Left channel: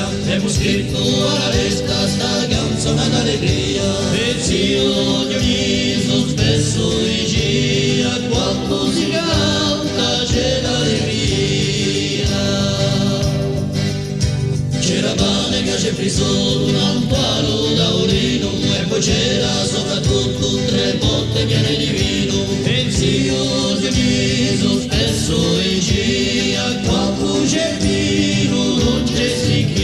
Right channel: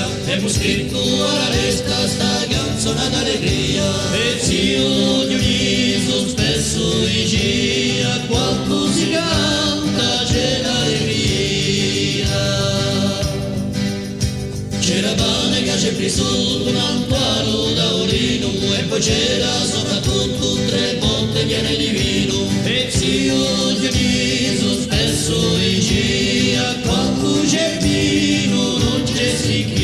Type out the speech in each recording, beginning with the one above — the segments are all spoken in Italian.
via, abbiamo scritto una resta sta canzone d'allegria, e zio Dioniso spesso in gira, quando si canta c'è l'allegria. C'era pane che c'è Cristo, un palo taurino, e poi c'era soprattutto 3 bottiglie di vino, e zio Dioniso spesso in gira, quando c'è vino non c'è sicchia.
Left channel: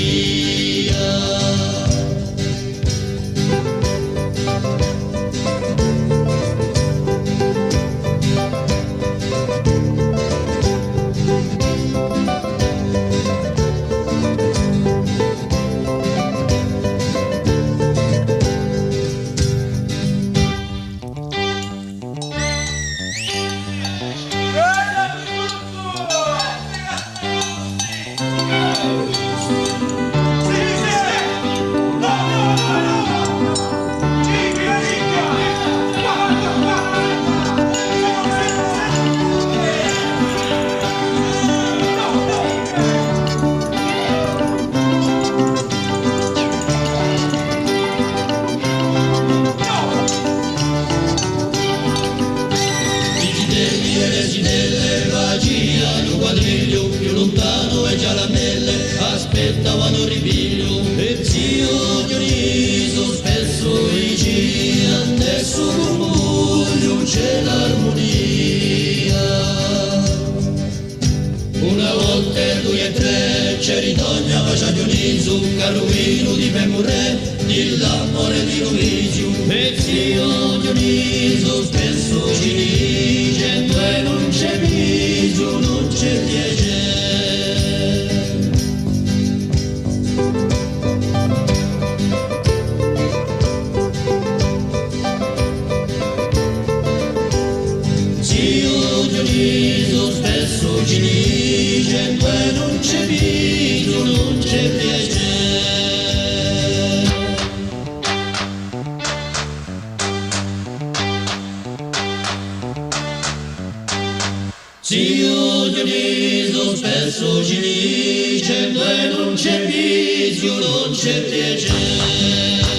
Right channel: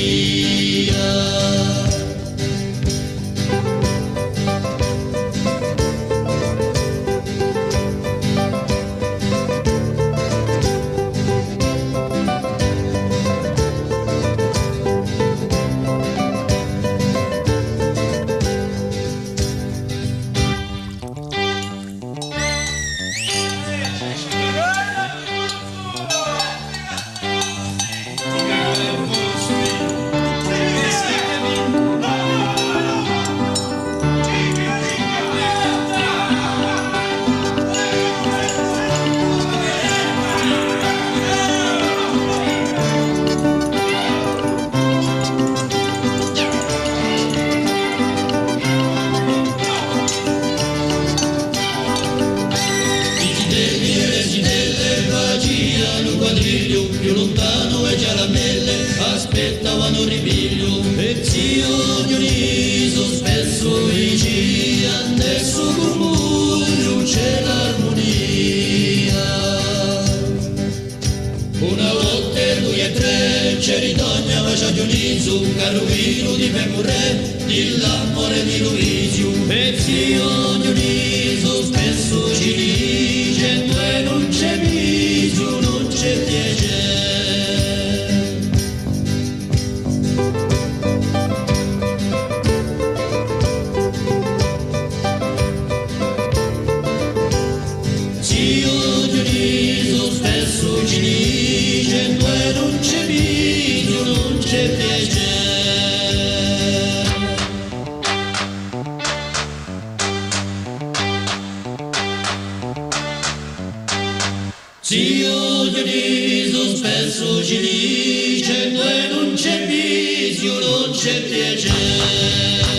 Più lontano e caramelle aspettavano ripino, e zio Dioniso spesso vigia, nel suo murmuraio c'è l'armonia. Una volta lui e 3 ci ritornava già Dioniso, caro vino di Femure, l'amore di Luisio, e zio Dioniso spesso dice, e non c'è viso, non c'è piede. Zio Dioniso spesso ci dice, e non c'è viso, non c'è piede. Zio Dioniso spesso ci dice, non c'è viso, non c'è piacere.